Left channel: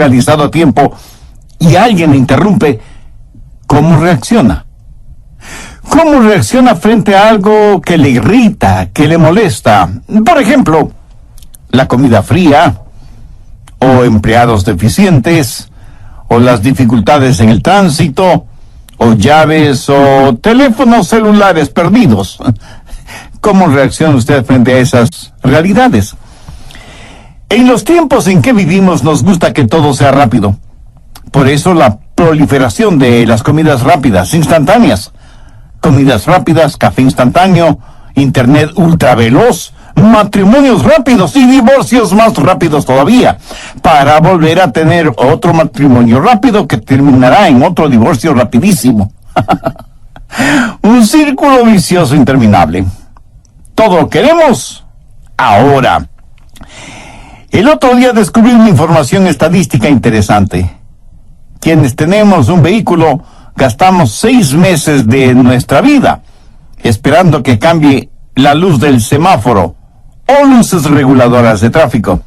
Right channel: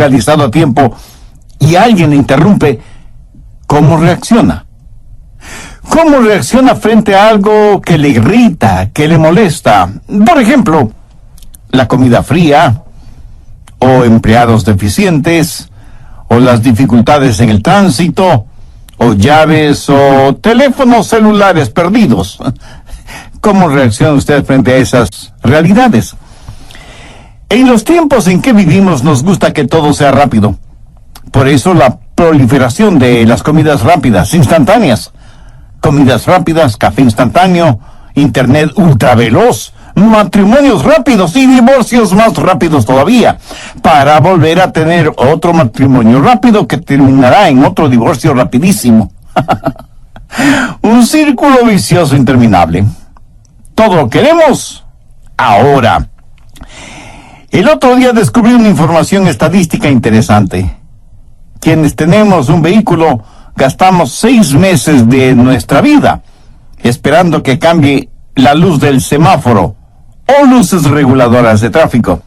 realizado a tiempo y alguien le interrumpe, ¿cómo reacciona? ¿Cómo reacciona frente a algo que le irrita, que le molesta? Por ejemplo, la comida fría, o empleados deficientes, o las dificultades en el tránsito, o llaves, o teléfonos celulares perdidos. ¿Cómo reacciona usted frente a esas realidades? En los tiempos en que vivimos nos gusta que todo sea rápido. Por eso la proliferación de las comidas rápidas, instantáneas. Comidas rápidas, café instantáneo, internet ultraveloz, matrimonios rápidos y divorcios más rápidos todavía, para volver a tener otro matrimonio rápido que terminará en otro divorcio rapidísimo. Un círculo vicioso interminable. Todo lo queremos ahora. El otro día descubrí una información estadística interesante. Quienes tenemos un vehículo gastamos 6 meses de nuestra vida esperando que cambie la luz del semáforo o luces reguladoras de tráfico.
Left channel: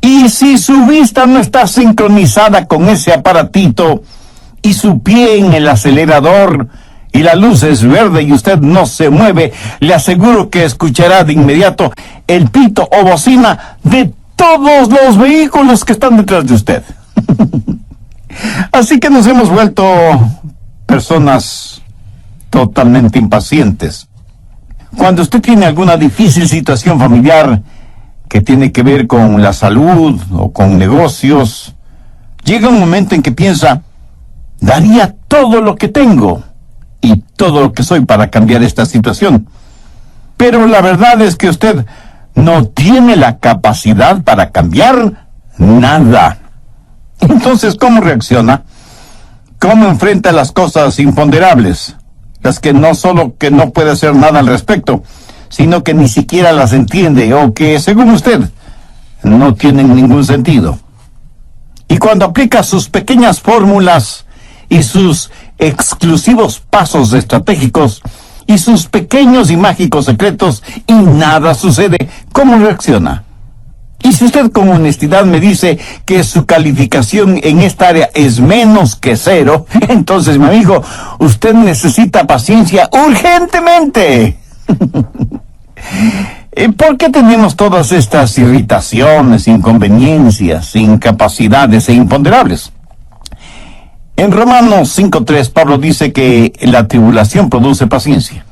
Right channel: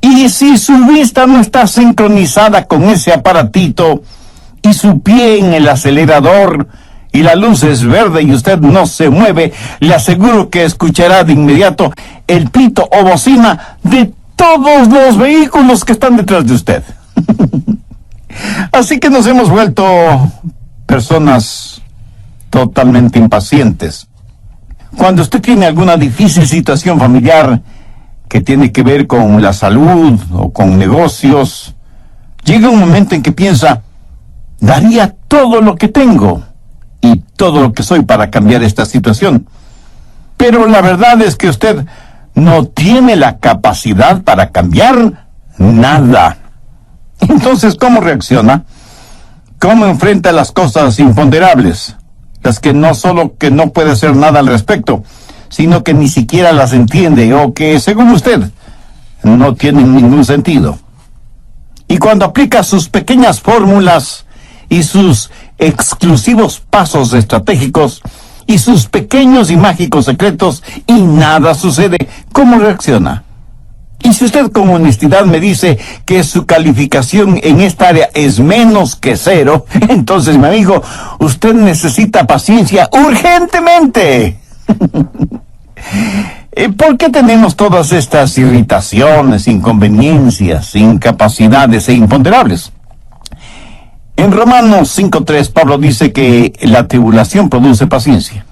Y si su vista no está sincronizada con ese aparatito y su pie en el acelerador y la luz es verde y usted no se mueve, le aseguro que escuchará de inmediato el pito o bocina de todos los vehículos que están detrás de usted. Así que nos hemos vuelto personas totalmente impacientes. Cuando usted tiene alguna difícil situación familiar que tiene que ver con la salud o con negocios, llega un momento en que piensa, daría todo lo que tengo y todo lo que soy para cambiar esta situación. Pero la verdad es que usted no tiene la capacidad para cambiar nada. Entonces, ¿cómo reacciona? ¿Cómo enfrenta las cosas imponderables? Las que no solo que no puede hacer nada al respecto, sino que ni siquiera las entiende o que, según usted, no tienen ningún sentido. Y cuando aplica sus pequeñas fórmulas y sus exclusivos pasos estratégicos y sus pequeños y mágicos secretos y nada sucede, ¿cómo reacciona? Y si usted con honestidad me dice que su calificación en esta área es menos que 0, entonces, mi amigo, usted necesita paciencia urgentemente. ¿Por qué tenemos todas estas irritaciones, inconveniencias, incapacidades e imponderables? En Romanos 5:3, Pablo dice que la tribulación produce paciencia.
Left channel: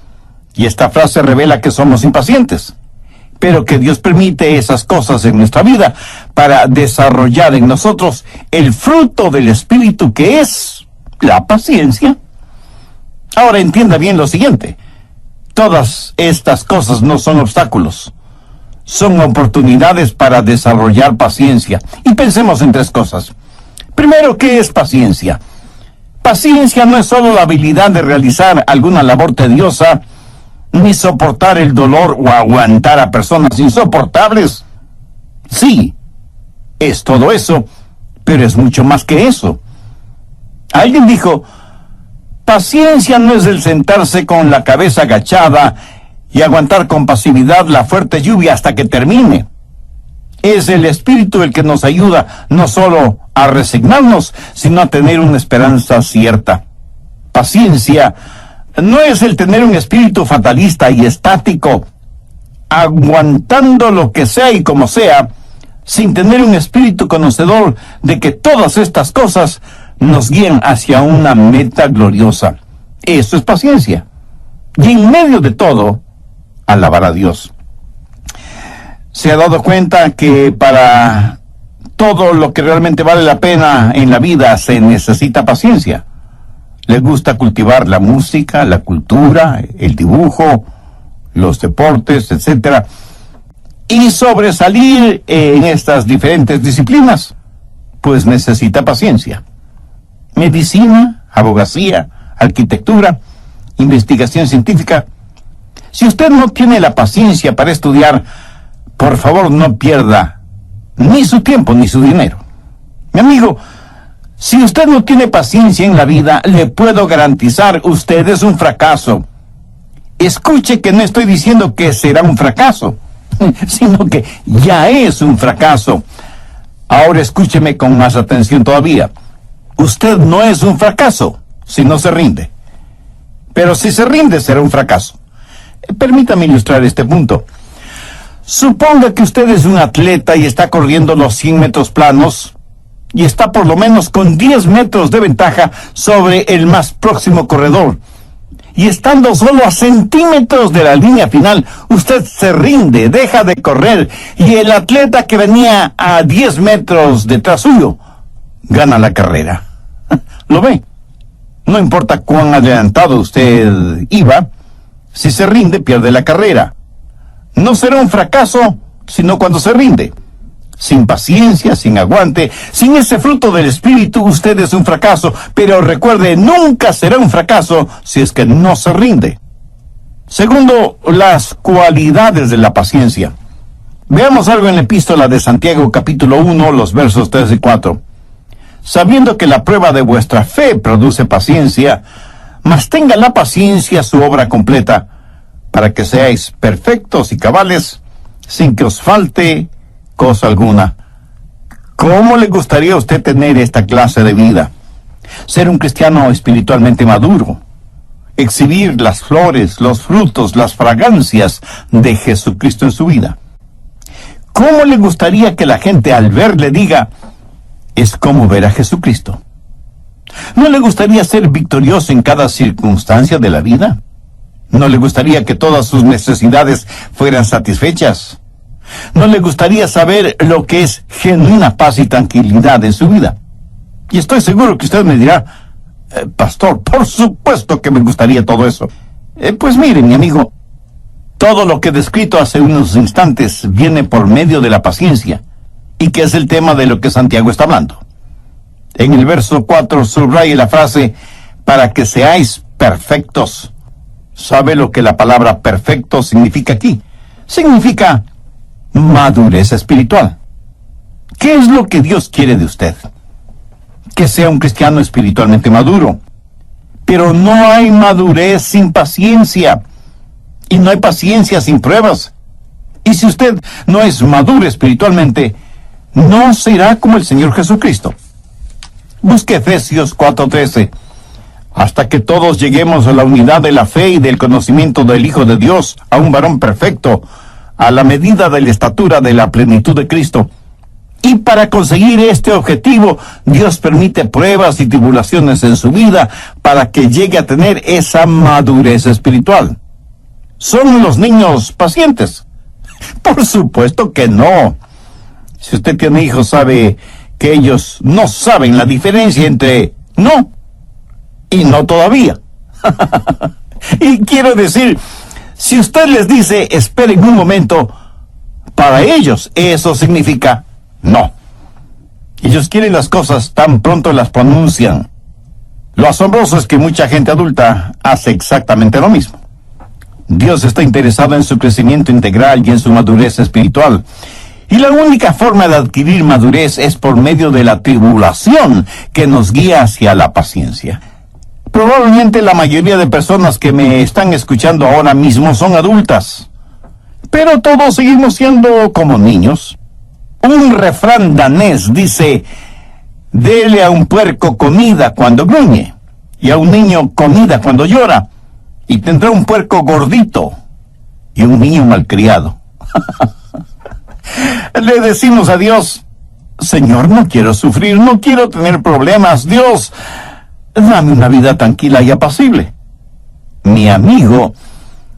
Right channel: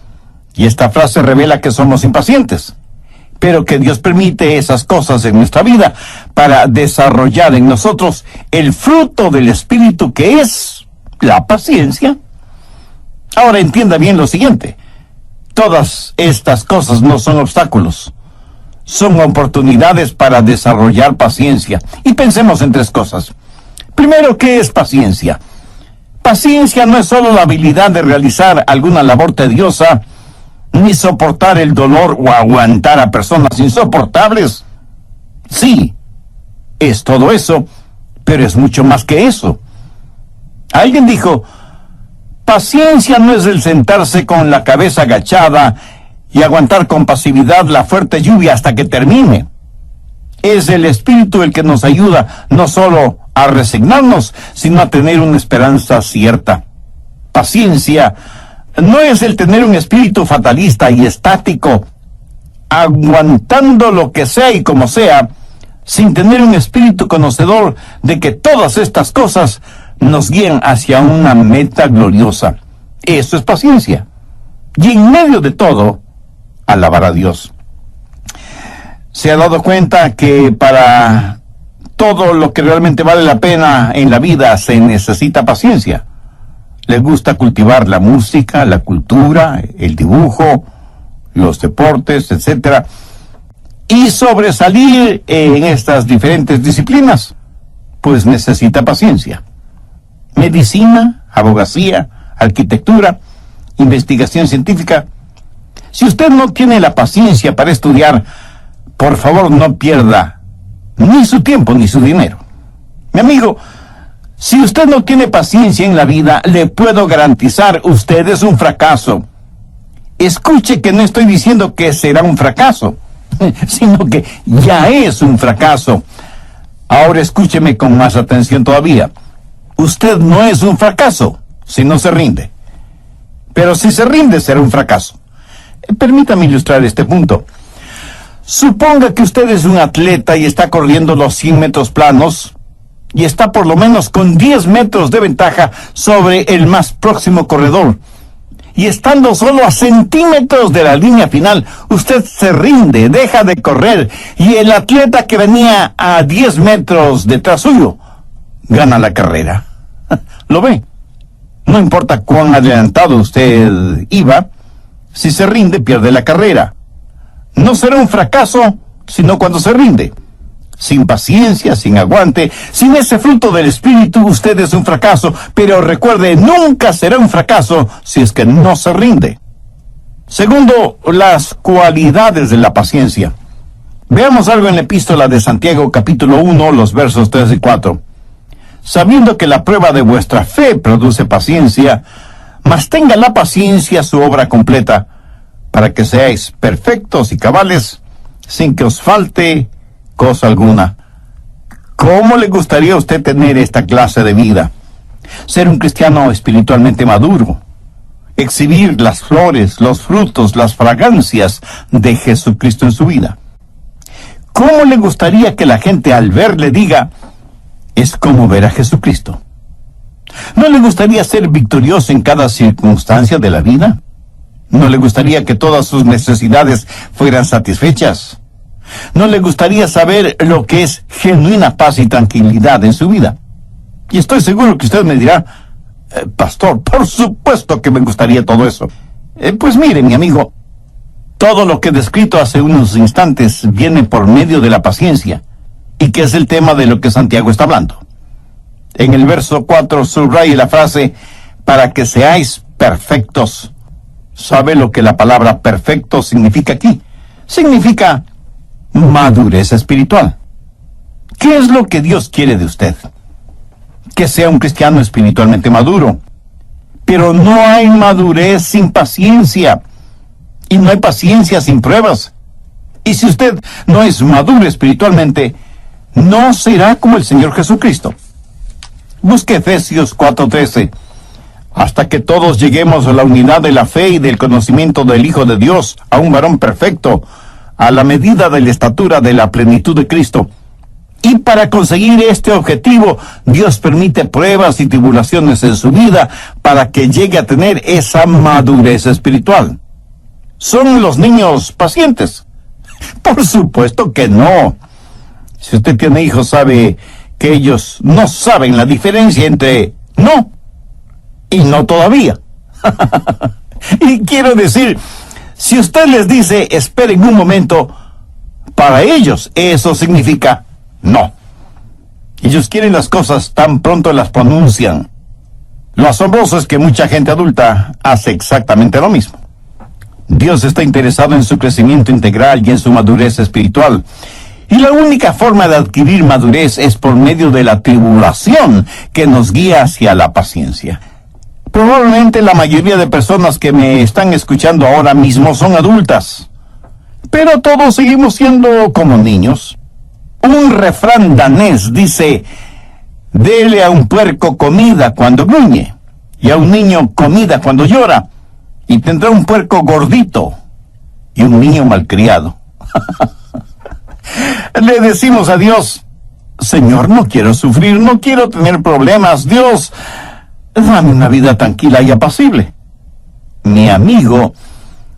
Y esta frase revela que somos impacientes, pero que Dios permite esas cosas en nuestra vida para desarrollar en nosotros el fruto del Espíritu, que es la paciencia. Ahora entienda bien lo siguiente. Todas estas cosas no son obstáculos, son oportunidades para desarrollar paciencia. Y pensemos en 3 cosas. Primero, ¿qué es paciencia? Paciencia no es solo la habilidad de realizar alguna labor tediosa, ni soportar el dolor o aguantar a personas insoportables. Sí, es todo eso, pero es mucho más que eso. Alguien dijo, paciencia no es el sentarse con la cabeza agachada y aguantar con pasividad la fuerte lluvia hasta que termine. Es el Espíritu el que nos ayuda no solo a resignarnos, sino a tener una esperanza cierta. Paciencia no es el tener un espíritu fatalista y estático, aguantando lo que sea y como sea, sin tener un espíritu conocedor de que todas estas cosas nos guían hacia una meta gloriosa. Eso es paciencia. Y en medio de todo, alabar a Dios. ¿Se ha dado cuenta que para todo lo que realmente vale la pena en la vida se necesita paciencia? Le gusta cultivar la música, la cultura, el dibujo, los deportes, etc. Y sobresalir en estas diferentes disciplinas, pues necesita paciencia. Medicina, abogacía, arquitectura, investigación científica. Si usted no tiene la paciencia para estudiar, por favor no pierda ni su tiempo ni su dinero. Mi amigo, si usted no tiene paciencia en la vida, le puedo garantizar, usted es un fracaso. Escuche que no estoy diciendo que será un fracaso, sino que ya es un fracaso. Ahora escúcheme con más atención todavía. Usted no es un fracaso si no se rinde. Pero si se rinde, será un fracaso. Permítame ilustrar este punto. Suponga que usted es un atleta y está corriendo los 100 metros planos y está por lo menos con 10 metros de ventaja sobre el más próximo corredor. Y estando solo a centímetros de la línea final, usted se rinde, deja de correr, y el atleta que venía a 10 metros detrás suyo gana la carrera. ¿Lo ve? No importa cuán adelantado usted iba, si se rinde, pierde la carrera. No será un fracaso, sino cuando se rinde. Sin paciencia, sin aguante, sin ese fruto del espíritu, usted es un fracaso. Pero recuerde, nunca será un fracaso si es que no se rinde. Segundo, las cualidades de la paciencia. Veamos algo en la epístola de Santiago, capítulo 1, los versos 3 y 4. Sabiendo que la prueba de vuestra fe produce paciencia, mas tenga la paciencia su obra completa, para que seáis perfectos y cabales, sin que os falte cosa alguna. ¿Cómo le gustaría a usted tener esta clase de vida? Ser un cristiano espiritualmente maduro, exhibir las flores, los frutos, las fragancias de Jesucristo en su vida. ¿Cómo le gustaría que la gente al verle diga, es como ver a Jesucristo? ¿No le gustaría ser victorioso en cada circunstancia de la vida? ¿No le gustaría que todas sus necesidades fueran satisfechas? ¿No le gustaría saber lo que es genuina paz y tranquilidad en su vida? Y estoy seguro que usted me dirá, pastor, por supuesto que me gustaría todo eso. Pues mire, mi amigo, todo lo que he descrito hace unos instantes viene por medio de la paciencia, y que es el tema de lo que Santiago está hablando. En el verso 4 subraya la frase, para que seáis perfectos. ¿Sabe lo que la palabra perfecto significa aquí? Significa madurez espiritual. ¿Qué es lo que Dios quiere de usted? Que sea un cristiano espiritualmente maduro. Pero no hay madurez sin paciencia. Y no hay paciencia sin pruebas. Y si usted no es maduro espiritualmente, no será como el Señor Jesucristo. Busque Efesios 4:13. Hasta que todos lleguemos a la unidad de la fe y del conocimiento del Hijo de Dios, a un varón perfecto, a la medida de la estatura de la plenitud de Cristo. Y para conseguir este objetivo, Dios permite pruebas y tribulaciones en su vida para que llegue a tener esa madurez espiritual. ¿Son los niños pacientes? Por supuesto que no. Si usted tiene hijos, sabe que ellos no saben la diferencia entre no y no todavía. Y quiero decir, si usted les dice, esperen un momento, para ellos eso significa no. Ellos quieren las cosas tan pronto las pronuncian. Lo asombroso es que mucha gente adulta hace exactamente lo mismo. Dios está interesado en su crecimiento integral y en su madurez espiritual. Y la única forma de adquirir madurez es por medio de la tribulación que nos guía hacia la paciencia. Probablemente la mayoría de personas que me están escuchando ahora mismo son adultas, pero todos seguimos siendo como niños. Un refrán danés dice, dele a un puerco comida cuando gruñe, y a un niño comida cuando llora, y tendrá un puerco gordito y un niño malcriado. Le decimos a Dios, Señor, no quiero sufrir, no quiero tener problemas, Dios, dame una vida tranquila y apacible. Mi amigo,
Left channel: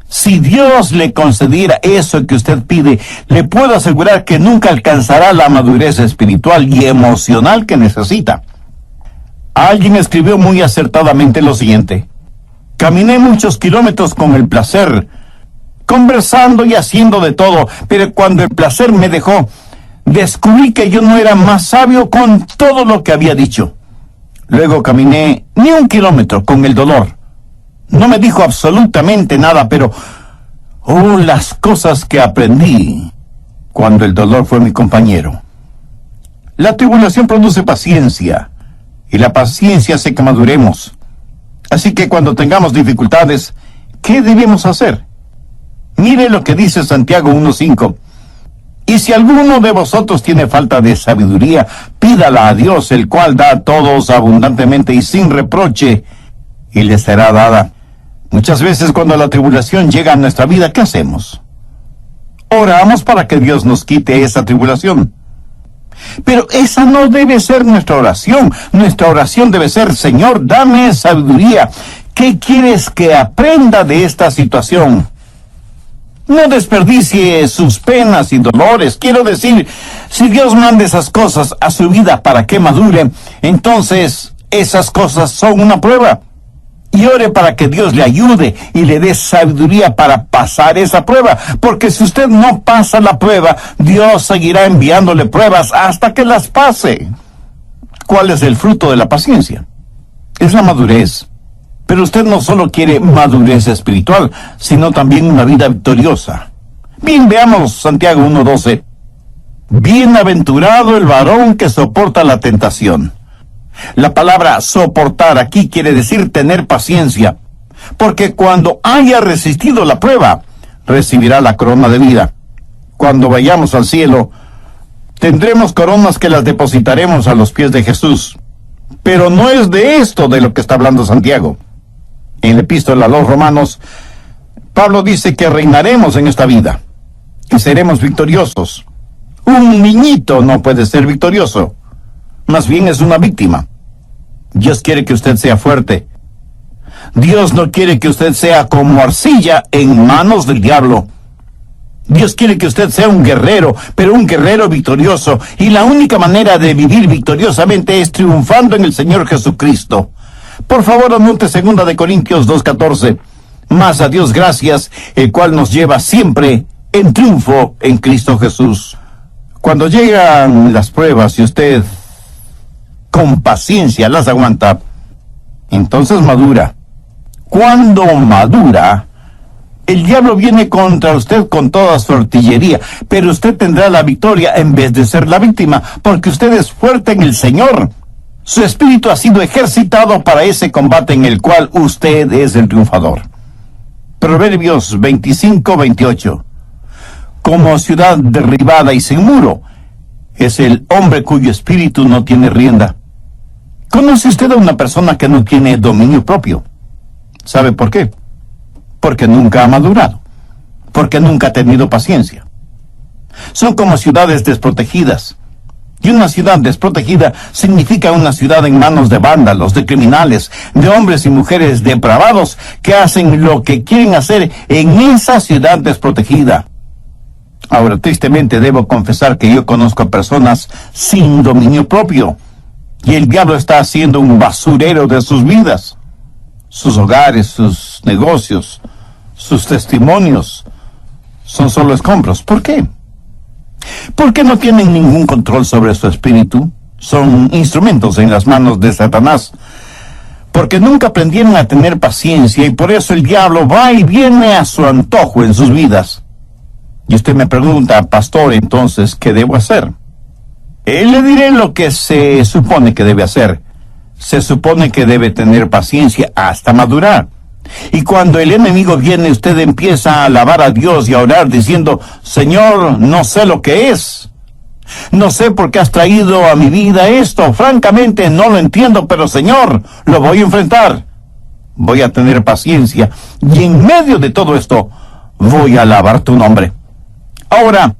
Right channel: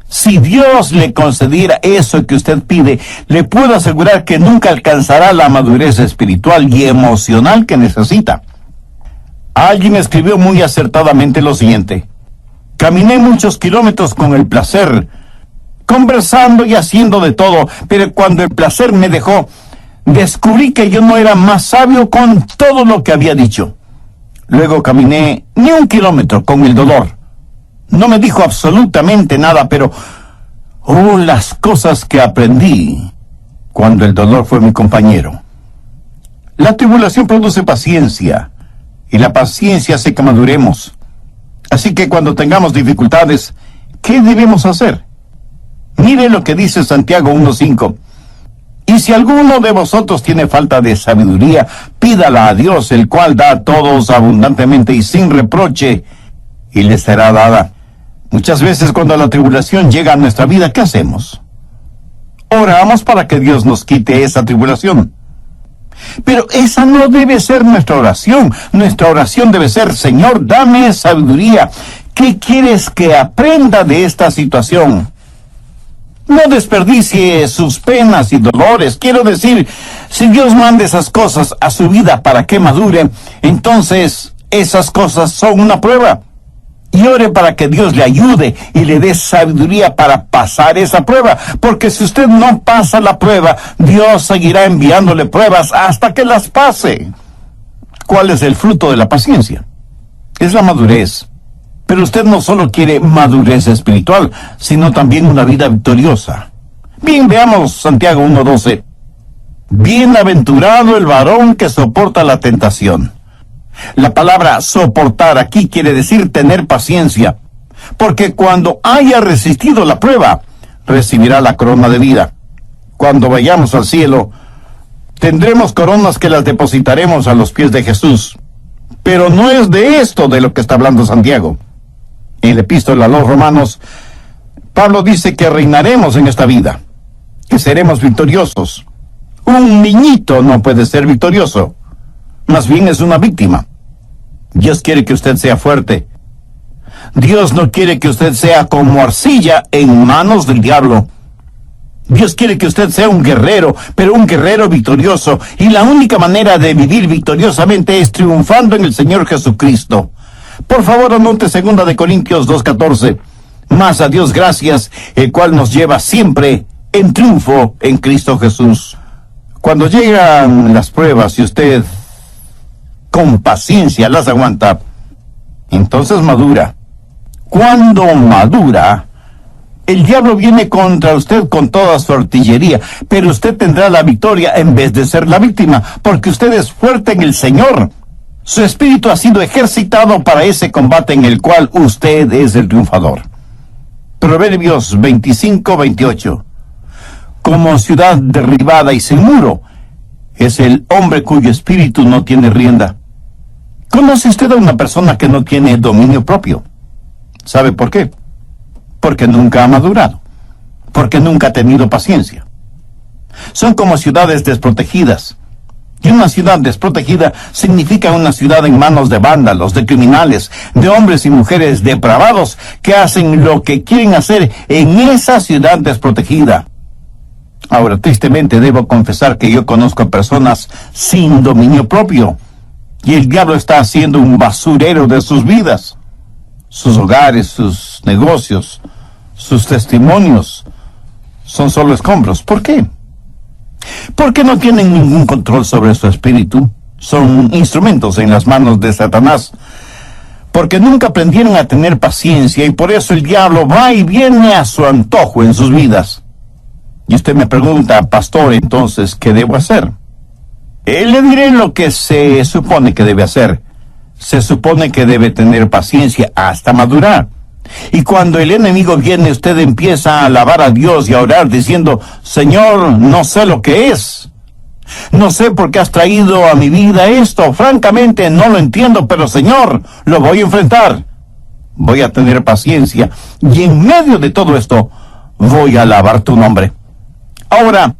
si Dios le concediera eso que usted pide, le puedo asegurar que nunca alcanzará la madurez espiritual y emocional que necesita. Alguien escribió muy acertadamente lo siguiente: caminé muchos kilómetros con el placer, conversando y haciendo de todo, pero cuando el placer me dejó, descubrí que yo no era más sabio con todo lo que había dicho. Luego caminé ni un kilómetro con el dolor. No me dijo absolutamente nada, pero las cosas que aprendí cuando el dolor fue mi compañero. La tribulación produce paciencia, y la paciencia hace que maduremos. Así que cuando tengamos dificultades, ¿qué debemos hacer? Mire lo que dice Santiago 1:5. Y si alguno de vosotros tiene falta de sabiduría, pídala a Dios, el cual da a todos abundantemente y sin reproche, y le será dada. Muchas veces cuando la tribulación llega a nuestra vida, ¿qué hacemos? Oramos para que Dios nos quite esa tribulación. Pero esa no debe ser nuestra oración. Nuestra oración debe ser: Señor, dame sabiduría. ¿Qué quieres que aprenda de esta situación? No desperdicie sus penas y dolores. Quiero decir, si Dios manda esas cosas a su vida para que madure, entonces esas cosas son una prueba. Y ore para que Dios le ayude y le dé sabiduría para pasar esa prueba. Porque si usted no pasa la prueba, Dios seguirá enviándole pruebas hasta que las pase. ¿Cuál es el fruto de la paciencia? Es la madurez. Pero usted no solo quiere madurez espiritual, sino también una vida victoriosa. Bien, veamos Santiago 1:12. Bienaventurado el varón que soporta la tentación. La palabra soportar aquí quiere decir tener paciencia, porque cuando haya resistido la prueba, recibirá la corona de vida. Cuando vayamos al cielo, tendremos coronas que las depositaremos a los pies de Jesús. Pero no es de esto de lo que está hablando Santiago. En la epístola a los Romanos, Pablo dice que reinaremos en esta vida, que seremos victoriosos. Un niñito no puede ser victorioso, más bien es una víctima. Dios quiere que usted sea fuerte. Dios no quiere que usted sea como arcilla en manos del diablo. Dios quiere que usted sea un guerrero, pero un guerrero victorioso. Y la única manera de vivir victoriosamente es triunfando en el Señor Jesucristo. Por favor, anote 2 de Corintios 2:14. Mas a Dios gracias, el cual nos lleva siempre en triunfo en Cristo Jesús. Cuando llegan las pruebas y usted con paciencia las aguanta, entonces madura. Cuando madura, el diablo viene contra usted con toda su artillería, pero usted tendrá la victoria en vez de ser la víctima, porque usted es fuerte en el Señor. Su espíritu ha sido ejercitado para ese combate en el cual usted es el triunfador. Proverbios 25:28. Como ciudad derribada y sin muro es el hombre cuyo espíritu no tiene rienda. ¿Conoce usted a una persona que no tiene dominio propio? ¿Sabe por qué? Porque nunca ha madurado, porque nunca ha tenido paciencia. Son como ciudades desprotegidas. Y una ciudad desprotegida significa una ciudad en manos de vándalos, de criminales, de hombres y mujeres depravados que hacen lo que quieren hacer en esa ciudad desprotegida. Ahora, tristemente debo confesar que yo conozco a personas sin dominio propio, y el diablo está haciendo un basurero de sus vidas. Sus hogares, sus negocios, sus testimonios son solo escombros. ¿Por qué? Porque no tienen ningún control sobre su espíritu. Son instrumentos en las manos de Satanás. Porque nunca aprendieron a tener paciencia y por eso el diablo va y viene a su antojo en sus vidas. Y usted me pregunta, pastor, entonces, ¿qué debo hacer? Le diré lo que se supone que debe hacer. Se supone que debe tener paciencia hasta madurar. Y cuando el enemigo viene, usted empieza a alabar a Dios y a orar diciendo: Señor, no sé lo que es. No sé por qué has traído a mi vida esto. Francamente no lo entiendo, pero Señor, lo voy a enfrentar. Voy a tener paciencia. Y en medio de todo esto, voy a alabar tu nombre. Ahora,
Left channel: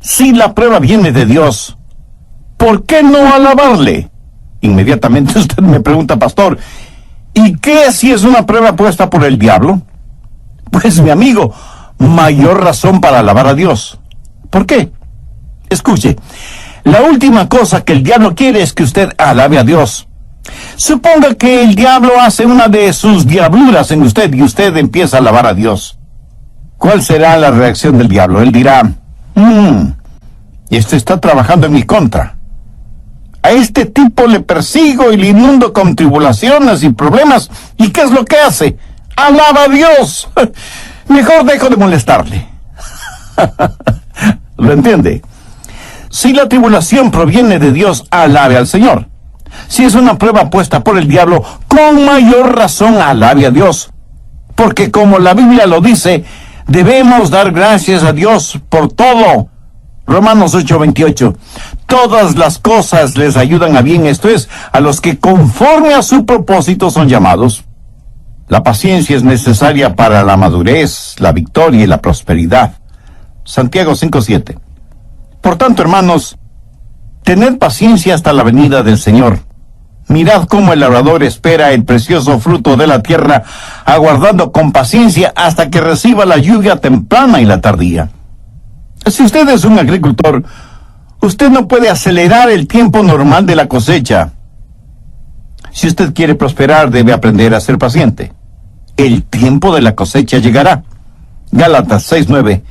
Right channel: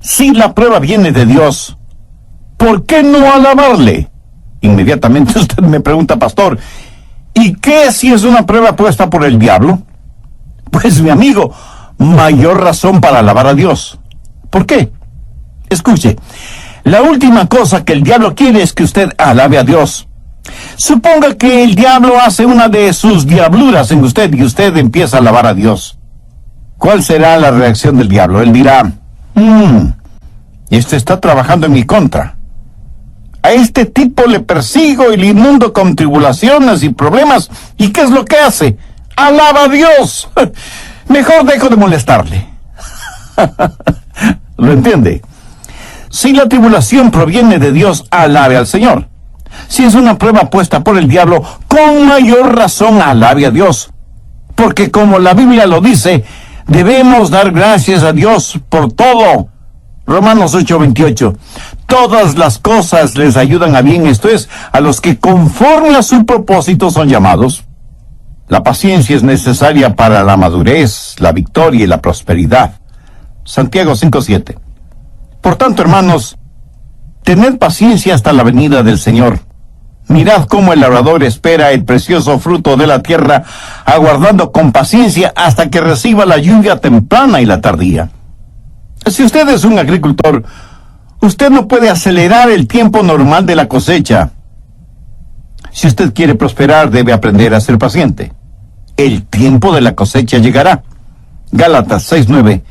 si la prueba viene de Dios, ¿por qué no alabarle? Inmediatamente usted me pregunta, pastor, ¿y qué si es una prueba puesta por el diablo? Pues mi amigo, mayor razón para alabar a Dios. ¿Por qué? Escuche, la última cosa que el diablo quiere es que usted alabe a Dios. Suponga que el diablo hace una de sus diabluras en usted y usted empieza a alabar a Dios. ¿Cuál será la reacción del diablo? Él dirá: este está trabajando en mi contra. A este tipo le persigo y le inundo con tribulaciones y problemas. ¿Y qué es lo que hace? ¡Alaba a Dios! Mejor dejo de molestarle. ¿Lo entiende? Si la tribulación proviene de Dios, alabe al Señor. Si es una prueba puesta por el diablo, con mayor razón alabe a Dios. Porque como la Biblia lo dice, debemos dar gracias a Dios por todo. Romanos 8:28. Todas las cosas les ayudan a bien, esto es, a los que conforme a su propósito son llamados. La paciencia es necesaria para la madurez, la victoria y la prosperidad. Santiago 5:7. Por tanto, hermanos, tened paciencia hasta la venida del Señor. Mirad cómo el labrador espera el precioso fruto de la tierra, aguardando con paciencia hasta que reciba la lluvia temprana y la tardía. Si usted es un agricultor, usted no puede acelerar el tiempo normal de la cosecha. Si usted quiere prosperar, debe aprender a ser paciente. El tiempo de la cosecha llegará. Gálatas 6:9.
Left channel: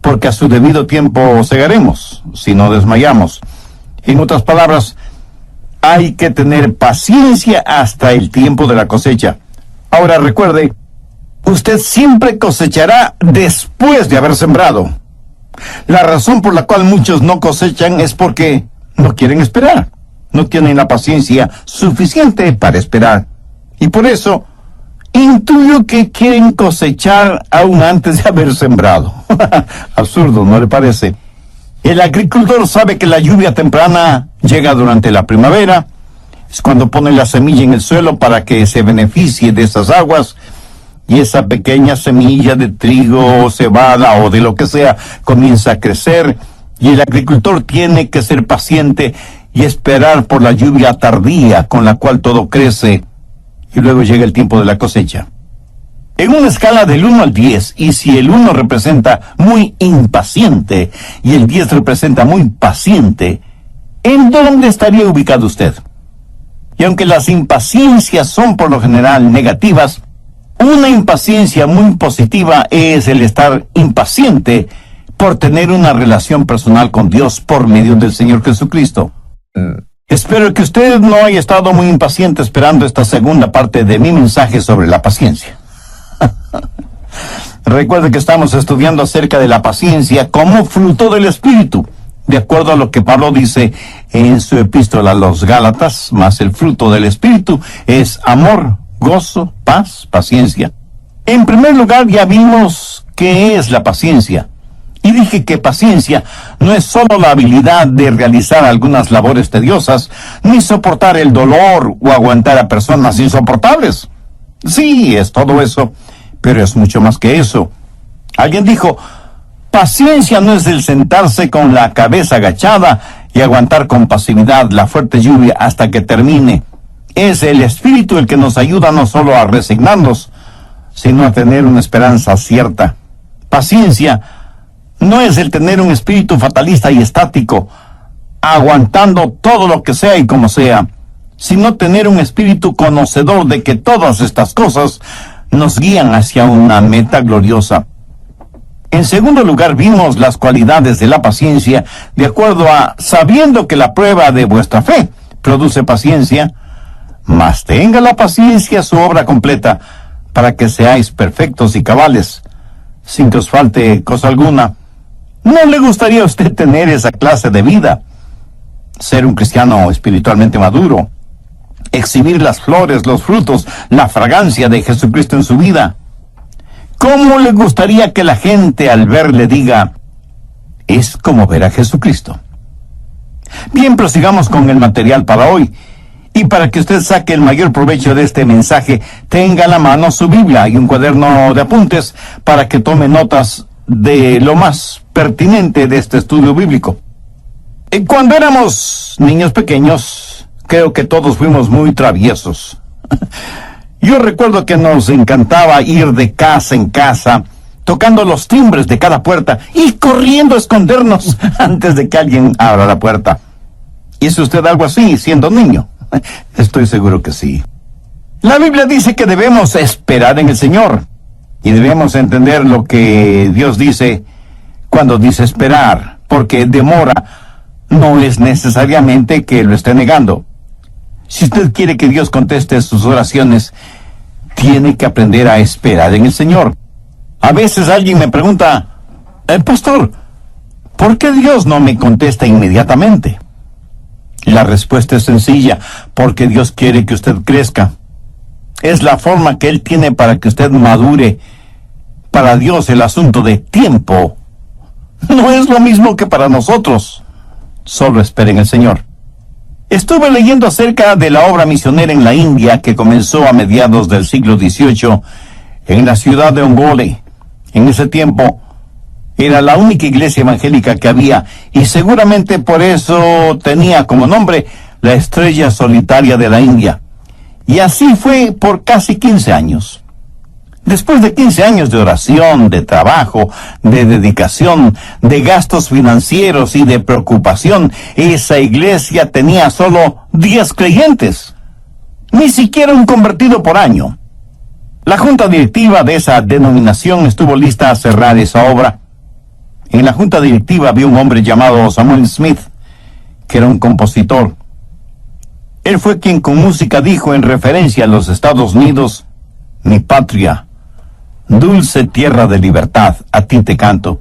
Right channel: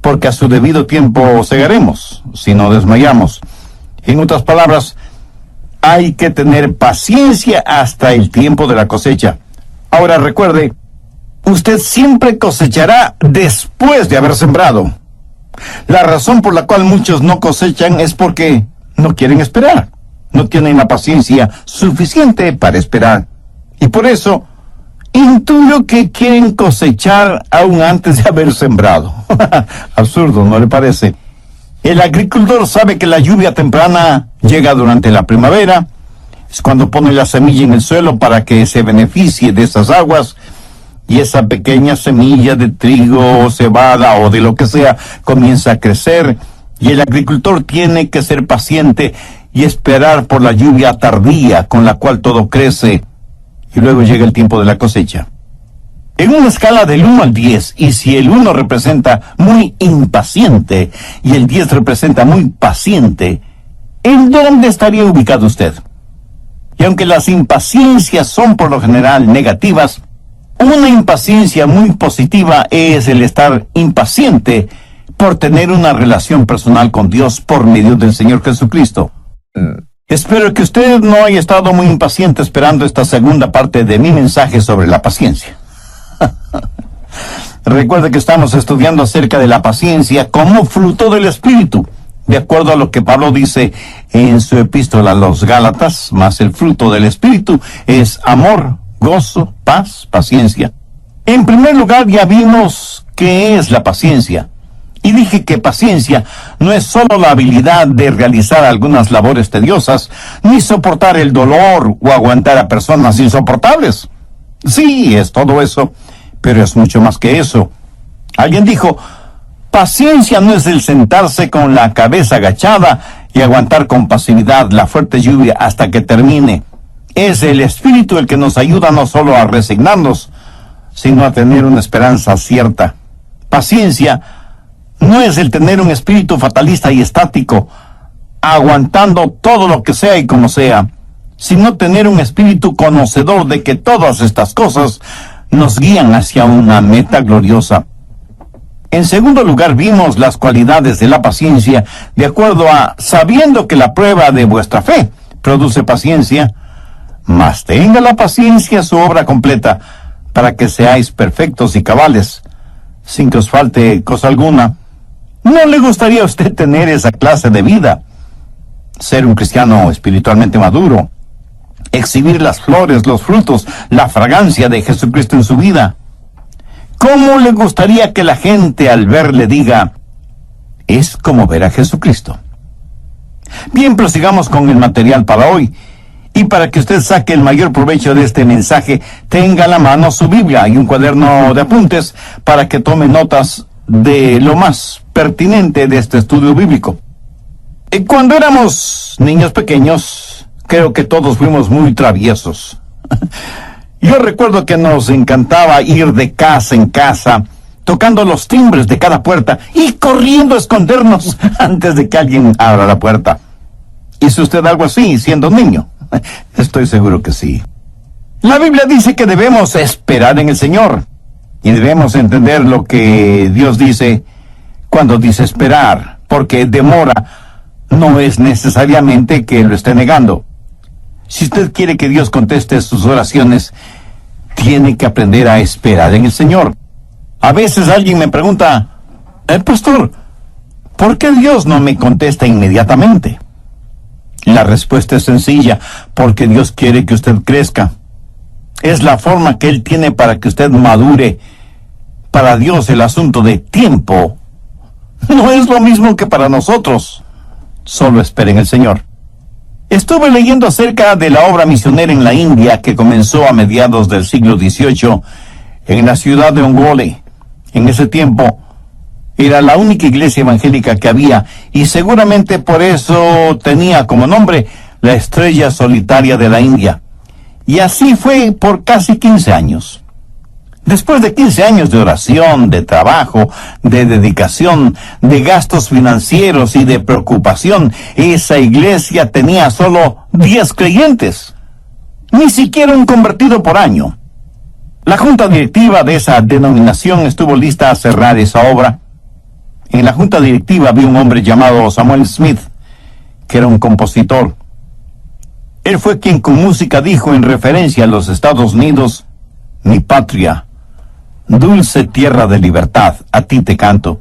Porque a su debido tiempo segaremos, si no desmayamos. En otras palabras, hay que tener paciencia hasta el tiempo de la cosecha. Ahora recuerde, usted siempre cosechará después de haber sembrado. La razón por la cual muchos no cosechan es porque no quieren esperar. No tienen la paciencia suficiente para esperar. Y por eso, intuyo que quieren cosechar aún antes de haber sembrado. Absurdo, ¿no le parece? El agricultor sabe que la lluvia temprana llega durante la primavera. Es cuando pone la semilla en el suelo para que se beneficie de esas aguas. Y esa pequeña semilla de trigo o cebada o de lo que sea comienza a crecer. Y el agricultor tiene que ser paciente y esperar por la lluvia tardía con la cual todo crece. Y luego llega el tiempo de la cosecha. En una escala del 1 al 10, y si el 1 representa muy impaciente y el 10 representa muy paciente, ¿en dónde estaría ubicado usted? Y aunque las impaciencias son por lo general negativas, una impaciencia muy positiva es el estar impaciente por tener una relación personal con Dios por medio del Señor Jesucristo. Espero que usted no haya estado muy impaciente esperando esta segunda parte de mi mensaje sobre la paciencia. Recuerde que estamos estudiando acerca de la paciencia como fruto del Espíritu, de acuerdo a lo que Pablo dice en su epístola a los Gálatas, más el fruto del Espíritu es amor, gozo, paz, paciencia. En primer lugar, ya vimos qué es la paciencia. Y dije que paciencia no es solo la habilidad de realizar algunas labores tediosas, ni soportar el dolor o aguantar a personas insoportables. Sí, es todo eso, pero es mucho más que eso. Alguien dijo, paciencia no es el sentarse con la cabeza agachada y aguantar con pasividad la fuerte lluvia hasta que termine. Es el Espíritu el que nos ayuda no solo a resignarnos, sino a tener una esperanza cierta. Paciencia no es el tener un espíritu fatalista y estático, aguantando todo lo que sea y como sea, sino tener un espíritu conocedor de que todas estas cosas nos guían hacia una meta gloriosa. En segundo lugar, vimos las cualidades de la paciencia de acuerdo a sabiendo que la prueba de vuestra fe produce paciencia, mas tenga la paciencia su obra completa, para que seáis perfectos y cabales, sin que os falte cosa alguna. ¿No le gustaría a usted tener esa clase de vida? Ser un cristiano espiritualmente maduro, exhibir las flores, los frutos, la fragancia de Jesucristo en su vida. ¿Cómo le gustaría que la gente al verle diga, es como ver a Jesucristo? Bien, prosigamos con el material para hoy. Y para que usted saque el mayor provecho de este mensaje, tenga a la mano su Biblia y un cuaderno de apuntes para que tome notas de lo más pertinente de este estudio bíblico. Cuando éramos niños pequeños, creo que todos fuimos muy traviesos. Yo recuerdo que nos encantaba ir de casa en casa, tocando los timbres de cada puerta y corriendo a escondernos antes de que alguien abra la puerta. ¿Hizo usted algo así siendo niño? Estoy seguro que sí. La Biblia dice que debemos esperar en el Señor. Y debemos entender lo que Dios dice cuando dice esperar, porque demora no es necesariamente que lo esté negando. Si usted quiere que Dios conteste sus oraciones, tiene que aprender a esperar en el Señor. A veces alguien me pregunta, pastor, ¿por qué Dios no me contesta inmediatamente? La respuesta es sencilla, porque Dios quiere que usted crezca. Es la forma que Él tiene para que usted madure. Para Dios el asunto de tiempo no es lo mismo que para nosotros. Solo esperen el Señor. Estuve leyendo acerca de la obra misionera en la India que comenzó a mediados del siglo XVIII en la ciudad de Ongole. En ese tiempo era la única iglesia evangélica que había y seguramente por eso tenía como nombre la estrella solitaria de la India. Y así fue por casi 15 años. Después de 15 años de oración, de trabajo, de dedicación, de gastos financieros y de preocupación, esa iglesia tenía solo 10 creyentes. Ni siquiera un convertido por año. La junta directiva de esa denominación estuvo lista a cerrar esa obra. En la junta directiva había un hombre llamado Samuel Smith, que era un compositor. Él fue quien con música dijo en referencia a los Estados Unidos: mi patria, dulce tierra de libertad, a ti te canto.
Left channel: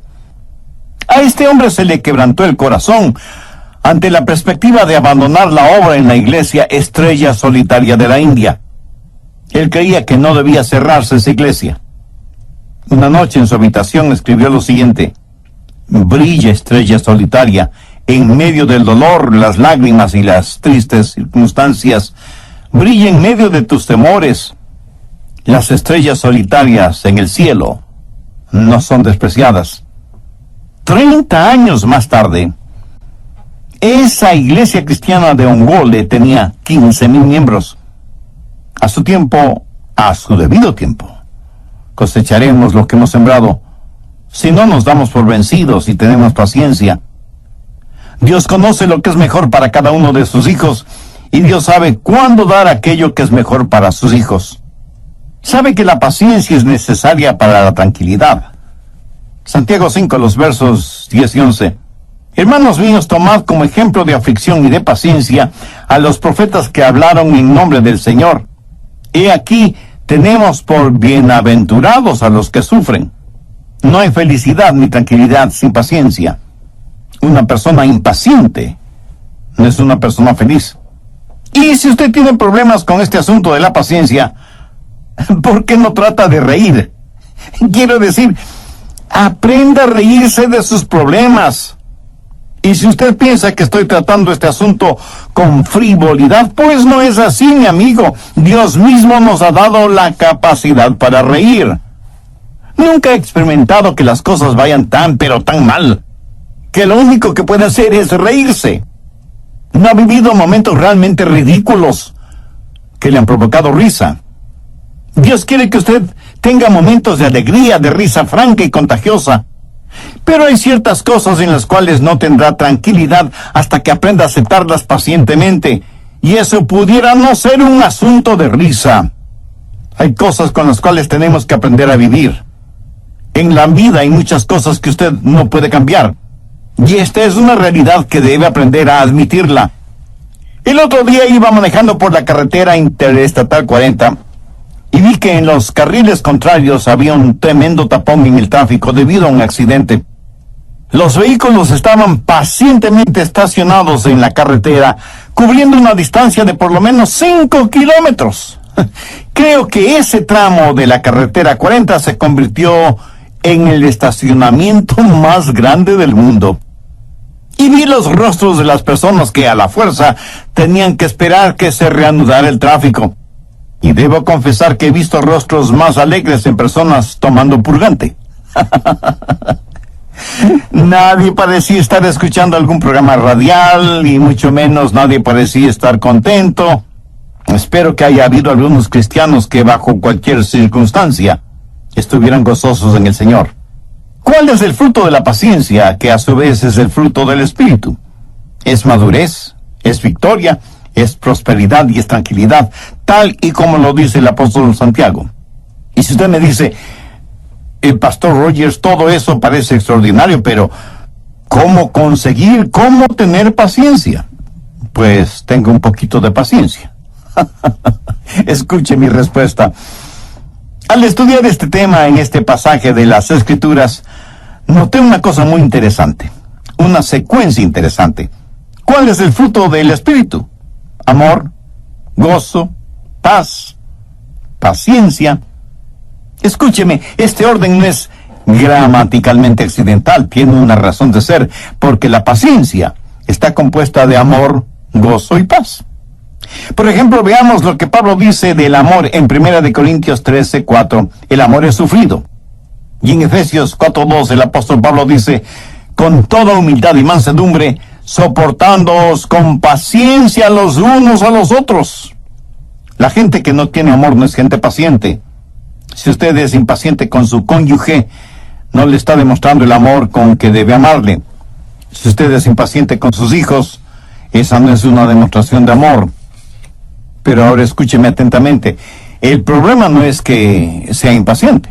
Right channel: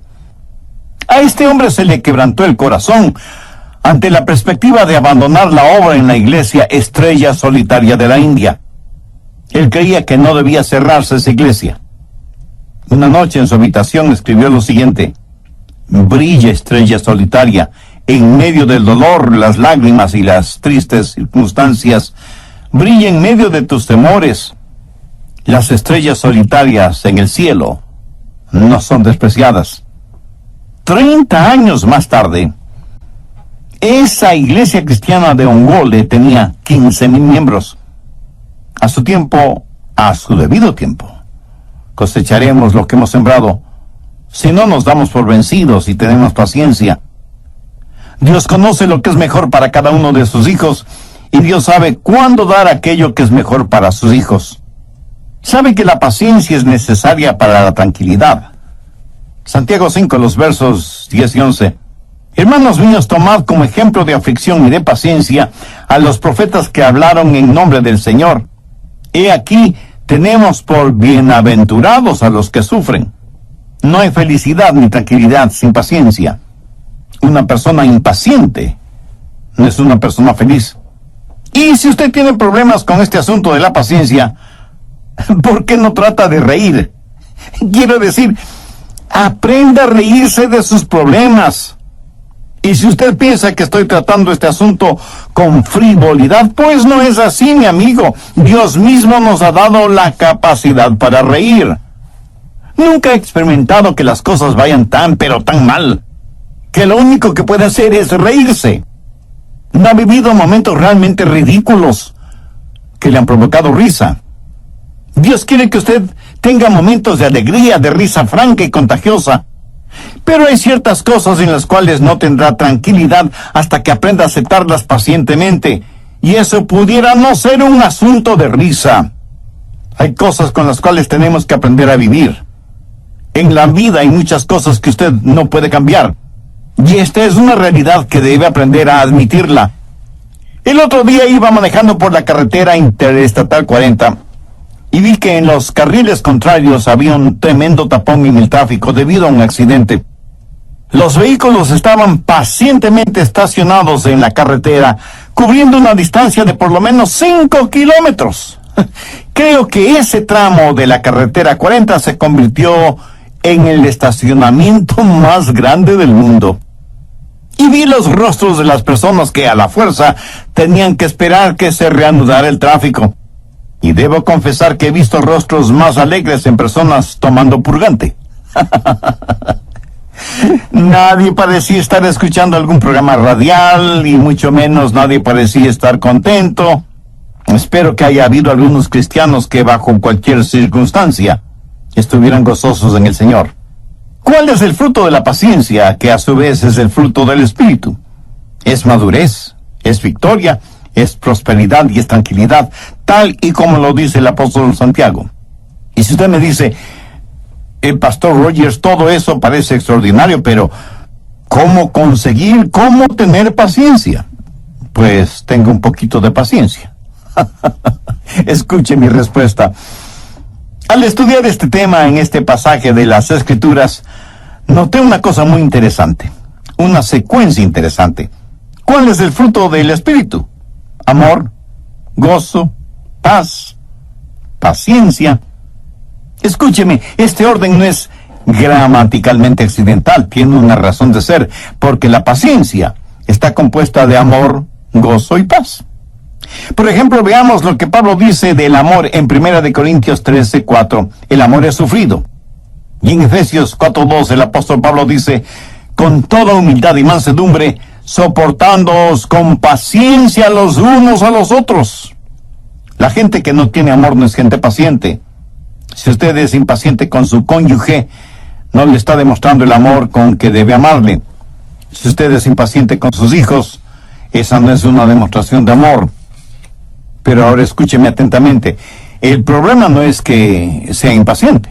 A este hombre se le quebrantó el corazón ante la perspectiva de abandonar la obra en la iglesia Estrella Solitaria de la India. Él creía que no debía cerrarse esa iglesia. Una noche en su habitación escribió lo siguiente: brilla, estrella solitaria, en medio del dolor, las lágrimas y las tristes circunstancias. Brilla en medio de tus temores. Las estrellas solitarias en el cielo no son despreciadas. 30 años más tarde, esa iglesia cristiana de Ongole tenía 15,000 miembros. A su tiempo, a su debido tiempo, cosecharemos lo que hemos sembrado, si no nos damos por vencidos y tenemos paciencia. Dios conoce lo que es mejor para cada uno de sus hijos, y Dios sabe cuándo dar aquello que es mejor para sus hijos. Sabe que la paciencia es necesaria para la tranquilidad. Santiago 5, los versos 10 y 11. Hermanos míos, tomad como ejemplo de aflicción y de paciencia a los profetas que hablaron en nombre del Señor. He aquí, tenemos por bienaventurados a los que sufren. No hay felicidad ni tranquilidad sin paciencia. Una persona impaciente no es una persona feliz. Y si usted tiene problemas con este asunto de la paciencia, ¿por qué no trata de reír? Quiero decir, aprenda a reírse de sus problemas. Y si usted piensa que estoy tratando este asunto con frivolidad, pues no es así, mi amigo. Dios mismo nos ha dado la capacidad para reír. Nunca he experimentado que las cosas vayan tan, pero tan mal, que lo único que puede hacer es reírse. No ha vivido momentos realmente ridículos que le han provocado risa. Dios quiere que usted tenga momentos de alegría, de risa franca y contagiosa. Pero hay ciertas cosas en las cuales no tendrá tranquilidad hasta que aprenda a aceptarlas pacientemente. Y eso pudiera no ser un asunto de risa. Hay cosas con las cuales tenemos que aprender a vivir. En la vida hay muchas cosas que usted no puede cambiar. Y esta es una realidad que debe aprender a admitirla. El otro día iba manejando por la carretera interestatal 40 y vi que en los carriles contrarios había un tremendo tapón en el tráfico debido a un accidente. Los vehículos estaban pacientemente estacionados en la carretera, cubriendo una distancia de por lo menos 5 kilómetros. Creo que ese tramo de la carretera 40 se convirtió en el estacionamiento más grande del mundo. Y vi los rostros de las personas que a la fuerza tenían que esperar que se reanudara el tráfico. Y debo confesar que he visto rostros más alegres en personas tomando purgante. Nadie parecía estar escuchando algún programa radial, y mucho menos nadie parecía estar contento. Espero que haya habido algunos cristianos que bajo cualquier circunstancia estuvieran gozosos en el Señor. ¿Cuál es el fruto de la paciencia, que a su vez es el fruto del Espíritu? Es madurez, es victoria, es prosperidad y es tranquilidad, tal y como lo dice el apóstol Santiago. Y si usted me dice, Pastor Rogers, todo eso parece extraordinario, pero ¿cómo conseguir, cómo tener paciencia? Pues tenga un poquito de paciencia. Escuche mi respuesta. Al estudiar este tema en este pasaje de las Escrituras, noté una cosa muy interesante, una secuencia interesante. ¿Cuál es el fruto del Espíritu? Amor, gozo, paz, paciencia. Escúcheme, este orden no es gramaticalmente accidental, tiene una razón de ser, porque la paciencia está compuesta de amor, gozo y paz. Por ejemplo, veamos lo que Pablo dice del amor en 1 Corintios 13:4. El amor es sufrido. Y en Efesios 4:2 el apóstol Pablo dice, con toda humildad y mansedumbre, soportándoos con paciencia los unos a los otros. La gente que no tiene amor no es gente paciente. Si usted es impaciente con su cónyuge, no le está demostrando el amor con que debe amarle. Si usted es impaciente con sus hijos, esa no es una demostración de amor. Pero ahora escúcheme atentamente. El problema no es que sea impaciente.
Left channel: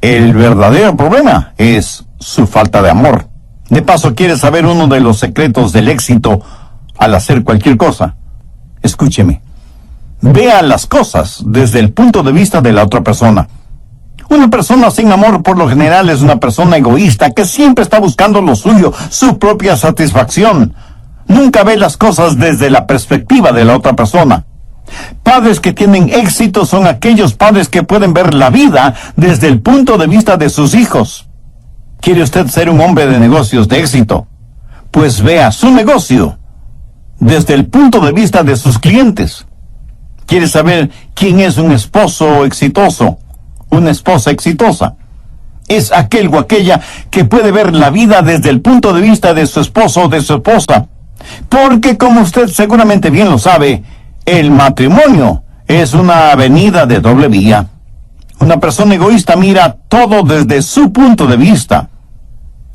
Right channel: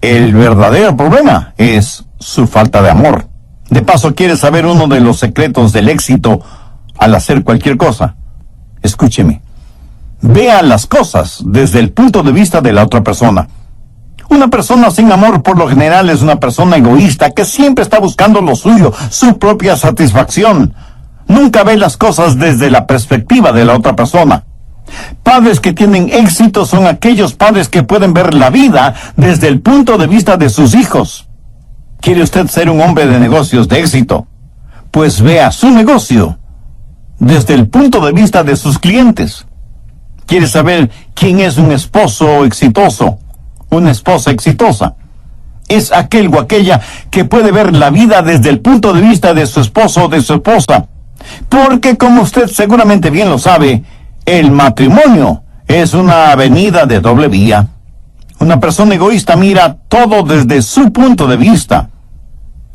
El verdadero problema es su falta de amor. De paso, ¿quiere saber uno de los secretos del éxito al hacer cualquier cosa? Escúcheme. Vea las cosas desde el punto de vista de la otra persona. Una persona sin amor por lo general es una persona egoísta que siempre está buscando lo suyo, su propia satisfacción. Nunca ve las cosas desde la perspectiva de la otra persona. Padres que tienen éxito son aquellos padres que pueden ver la vida desde el punto de vista de sus hijos. ¿Quiere usted ser un hombre de negocios de éxito? Pues vea su negocio desde el punto de vista de sus clientes. ¿Quiere saber quién es un esposo exitoso? Una esposa exitosa. Es aquel o aquella que puede ver la vida desde el punto de vista de su esposo o de su esposa. Porque, como usted seguramente bien lo sabe, el matrimonio es una avenida de doble vía. Una persona egoísta mira todo desde su punto de vista.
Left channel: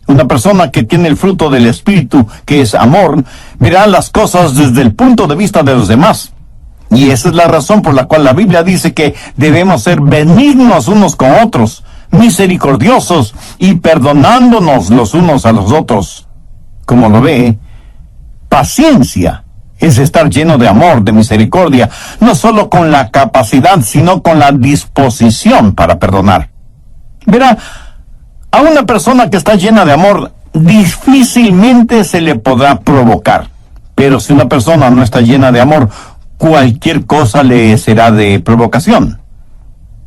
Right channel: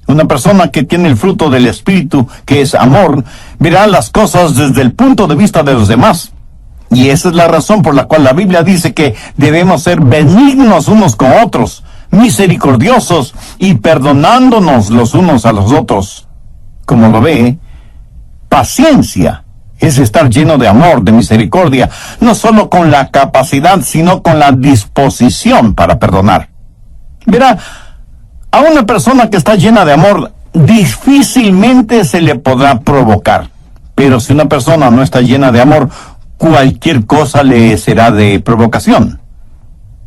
Una persona que tiene el fruto del Espíritu, que es amor, verá las cosas desde el punto de vista de los demás. Y esa es la razón por la cual la Biblia dice que debemos ser benignos unos con otros, misericordiosos y perdonándonos los unos a los otros. Como lo ve, paciencia es estar lleno de amor, de misericordia, no solo con la capacidad, sino con la disposición para perdonar. Verá, a una persona que está llena de amor, difícilmente se le podrá provocar. Pero si una persona no está llena de amor, cualquier cosa le será de provocación.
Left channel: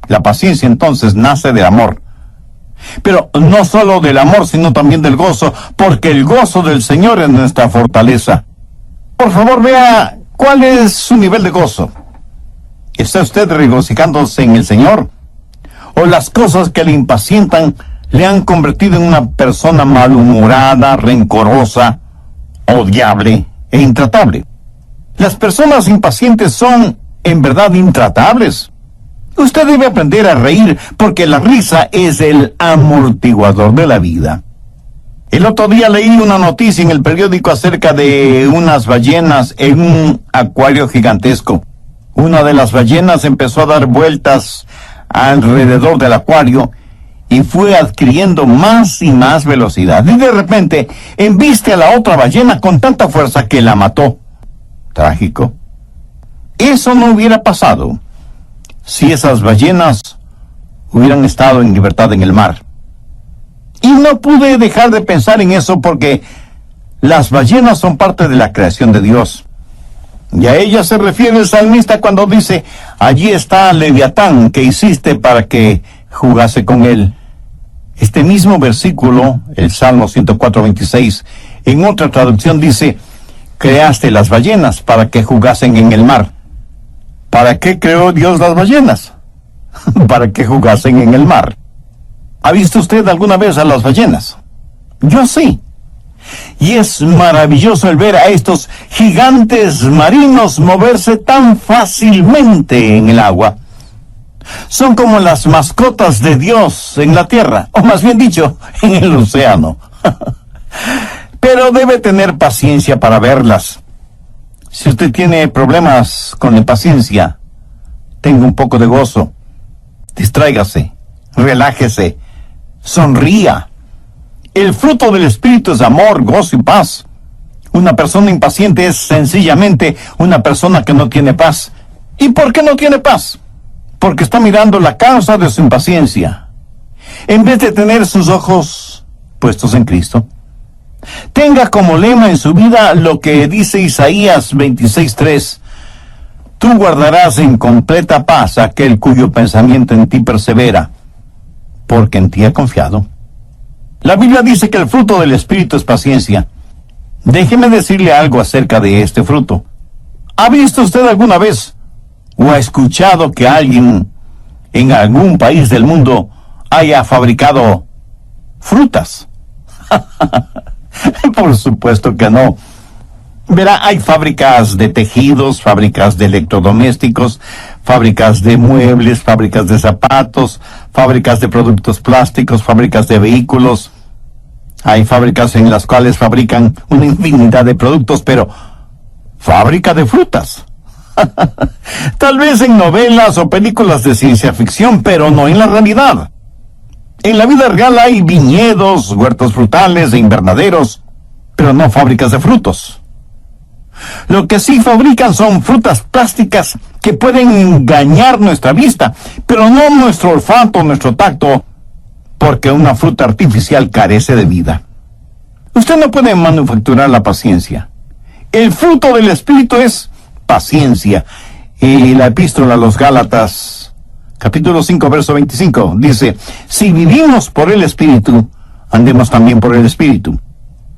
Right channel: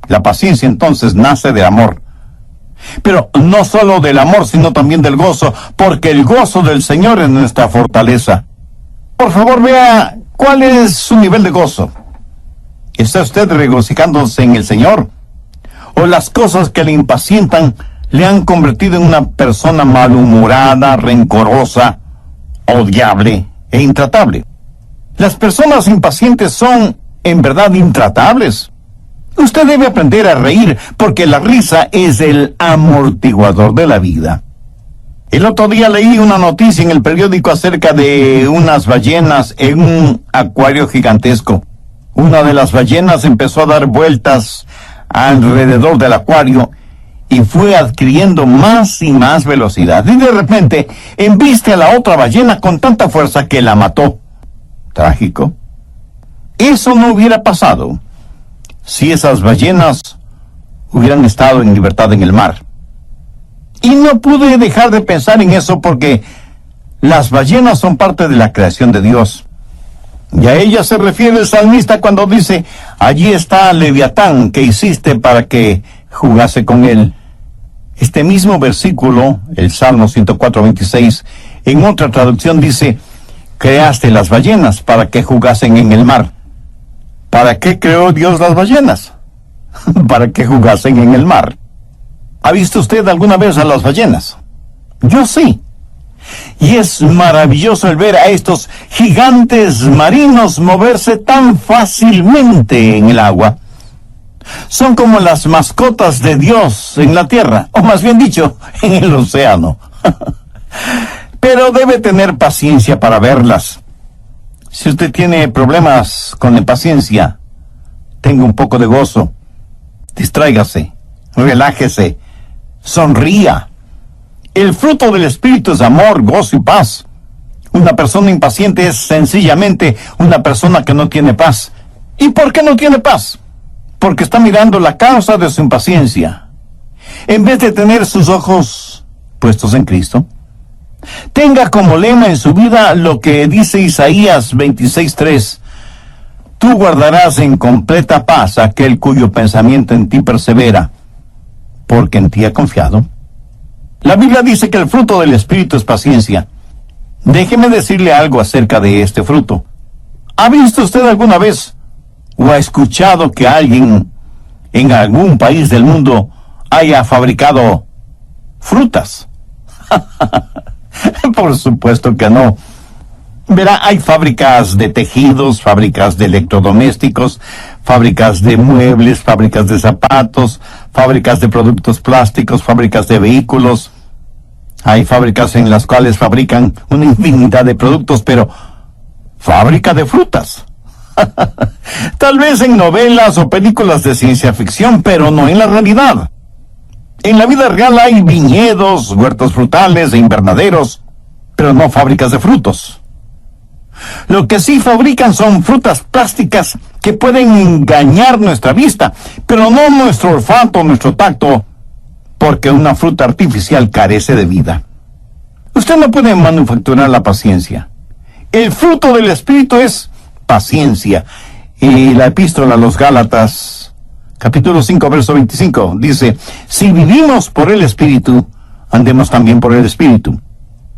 La paciencia entonces nace del amor. Pero no solo del amor, sino también del gozo, porque el gozo del Señor es nuestra fortaleza. Por favor, vea cuál es su nivel de gozo. ¿Está usted regocijándose en el Señor? ¿O las cosas que le impacientan le han convertido en una persona malhumorada, rencorosa, odiable e intratable? Las personas impacientes son, en verdad, intratables. Usted debe aprender a reír, porque la risa es el amortiguador de la vida. El otro día leí una noticia en el periódico acerca de unas ballenas en un acuario gigantesco. Una de las ballenas empezó a dar vueltas alrededor del acuario y fue adquiriendo más y más velocidad. Y de repente embiste a la otra ballena con tanta fuerza que la mató. Trágico. Eso no hubiera pasado si esas ballenas hubieran estado en libertad en el mar. Y no pude dejar de pensar en eso porque las ballenas son parte de la creación de Dios. Y a ella se refiere el salmista cuando dice, allí está Leviatán que hiciste para que jugase con él. Este mismo versículo, el Salmo 104:26, en otra traducción dice, creaste las ballenas para que jugasen en el mar. ¿Para qué creó Dios las ballenas? Para que jugasen en el mar. ¿Ha visto usted alguna vez a las ballenas? Yo sí. Y es maravilloso el ver a estos gigantes marinos moverse tan fácilmente en el agua. Son como las mascotas de Dios en la tierra, o más bien dicho, en el océano. Pero debe tener paciencia para verlas. Si usted tiene problemas con la paciencia, tenga un poco de gozo. Distráigase, relájese, sonría. El fruto del Espíritu es amor, gozo y paz. Una persona impaciente es sencillamente una persona que no tiene paz. ¿Y por qué no tiene paz? Porque está mirando la causa de su impaciencia, en vez de tener sus ojos puestos en Cristo. Tenga como lema en su vida lo que dice Isaías 26:3. Tú guardarás en completa paz aquel cuyo pensamiento en ti persevera, porque en ti ha confiado. La Biblia dice que el fruto del Espíritu es paciencia. Déjeme decirle algo acerca de este fruto. ¿Ha visto usted alguna vez o ha escuchado que alguien en algún país del mundo haya fabricado frutas? Por supuesto que no. Verá, hay fábricas de tejidos, fábricas de electrodomésticos, fábricas de muebles, fábricas de zapatos, fábricas de productos plásticos, fábricas de vehículos. Hay fábricas en las cuales fabrican una infinidad de productos, pero fábrica de frutas. Tal vez en novelas o películas de ciencia ficción, pero no en la realidad. En la vida real hay viñedos, huertos frutales e invernaderos, pero no fábricas de frutos. Lo que sí fabrican son frutas plásticas que pueden engañar nuestra vista, pero no nuestro olfato, nuestro tacto, porque una fruta artificial carece de vida. Usted no puede manufacturar la paciencia. El fruto del Espíritu es paciencia. Y la epístola a los Gálatas, capítulo 5, verso 25, dice: si vivimos por el Espíritu, andemos también por el Espíritu.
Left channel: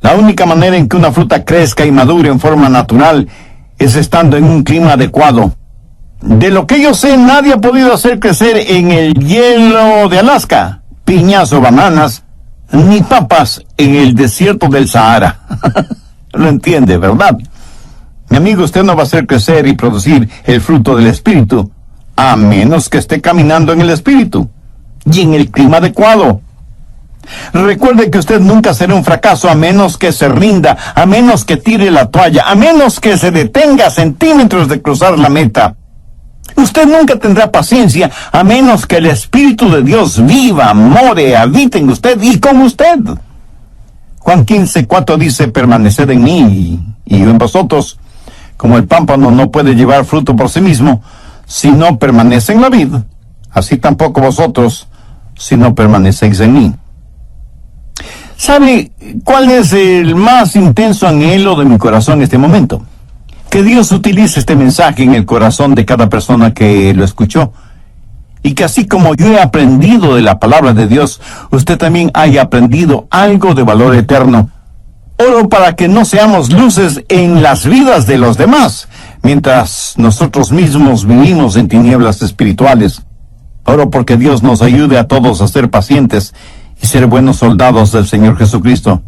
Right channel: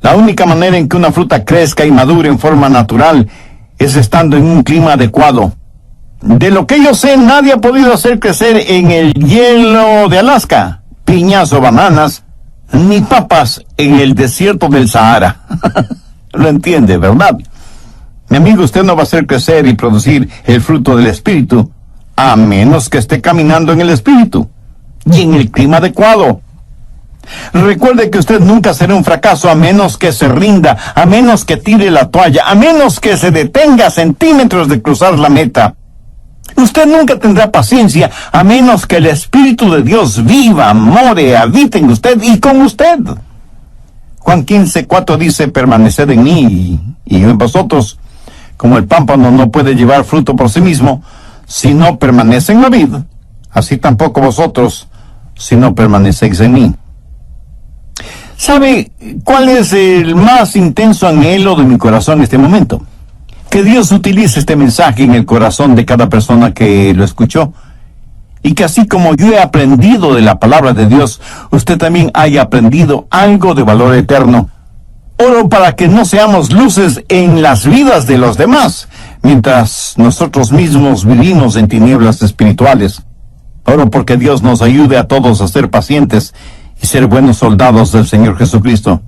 La única manera en que una fruta crezca y madure en forma natural es estando en un clima adecuado. De lo que yo sé, nadie ha podido hacer crecer en el hielo de Alaska piñas o bananas, ni papas en el desierto del Sahara. Lo entiende, ¿verdad? Mi amigo, usted no va a hacer crecer y producir el fruto del Espíritu, a menos que esté caminando en el Espíritu y en el clima adecuado. Recuerde que usted nunca será un fracaso a menos que se rinda, a menos que tire la toalla, a menos que se detenga a centímetros de cruzar la meta. Usted nunca tendrá paciencia a menos que el Espíritu de Dios viva, more, habite en usted y con usted. Juan 15:4 dice: permaneced en mí y yo en vosotros. Como el pámpano no puede llevar fruto por sí mismo si no permanece en la vid, así tampoco vosotros si no permanecéis en mí. ¿Sabe cuál es el más intenso anhelo de mi corazón en este momento? Que Dios utilice este mensaje en el corazón de cada persona que lo escuchó, y que así como yo he aprendido de la palabra de Dios, usted también haya aprendido algo de valor eterno. Oro para que no seamos luces en las vidas de los demás, mientras nosotros mismos vivimos en tinieblas espirituales. Oro porque Dios nos ayude a todos a ser pacientes y ser buenos soldados del Señor Jesucristo.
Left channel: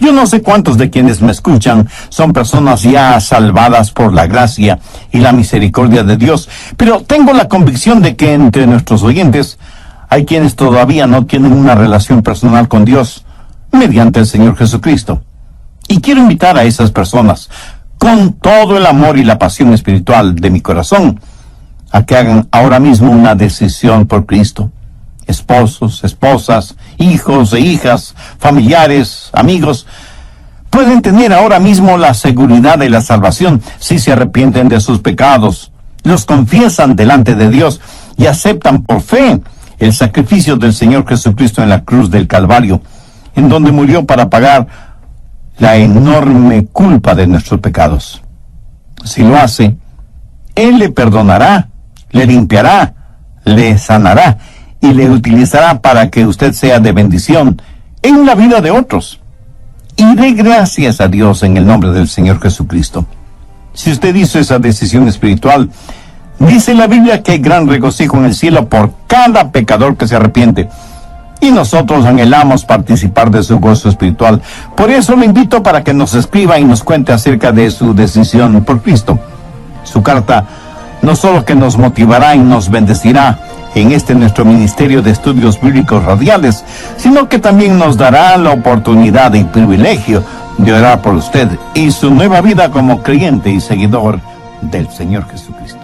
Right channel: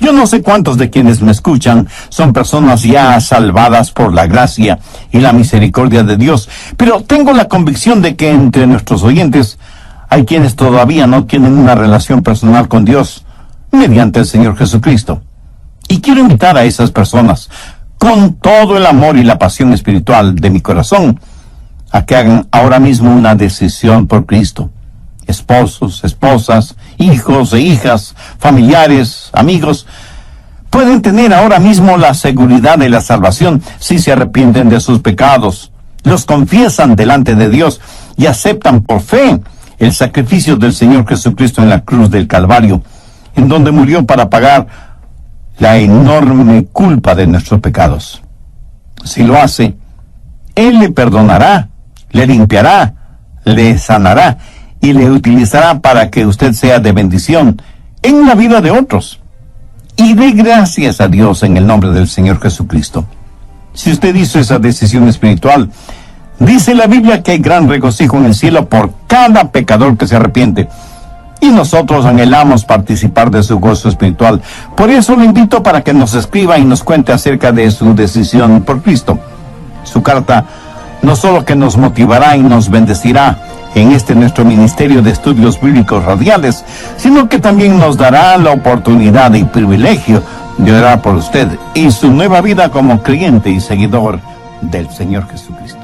Yo no sé cuántos de quienes me escuchan son personas ya salvadas por la gracia y la misericordia de Dios, pero tengo la convicción de que entre nuestros oyentes hay quienes todavía no tienen una relación personal con Dios mediante el Señor Jesucristo. Y quiero invitar a esas personas, con todo el amor y la pasión espiritual de mi corazón, a que hagan ahora mismo una decisión por Cristo. Esposos, esposas, hijos e hijas, familiares, amigos, pueden tener ahora mismo la seguridad de la salvación si se arrepienten de sus pecados, los confiesan delante de Dios y aceptan por fe el sacrificio del Señor Jesucristo en la cruz del Calvario, en donde murió para pagar la enorme culpa de nuestros pecados. Si lo hace, Él le perdonará, le limpiará, le sanará y le utilizará para que usted sea de bendición en la vida de otros. Y dé gracias a Dios en el nombre del Señor Jesucristo. Si usted hizo esa decisión espiritual, dice la Biblia que hay gran regocijo en el cielo por cada pecador que se arrepiente. Y nosotros anhelamos participar de su gozo espiritual. Por eso le invito para que nos escriba y nos cuente acerca de su decisión por Cristo. Su carta no solo que nos motivará y nos bendecirá en este nuestro ministerio de estudios bíblicos radiales, sino que también nos dará la oportunidad y privilegio de orar por usted y su nueva vida como creyente y seguidor del Señor Jesucristo.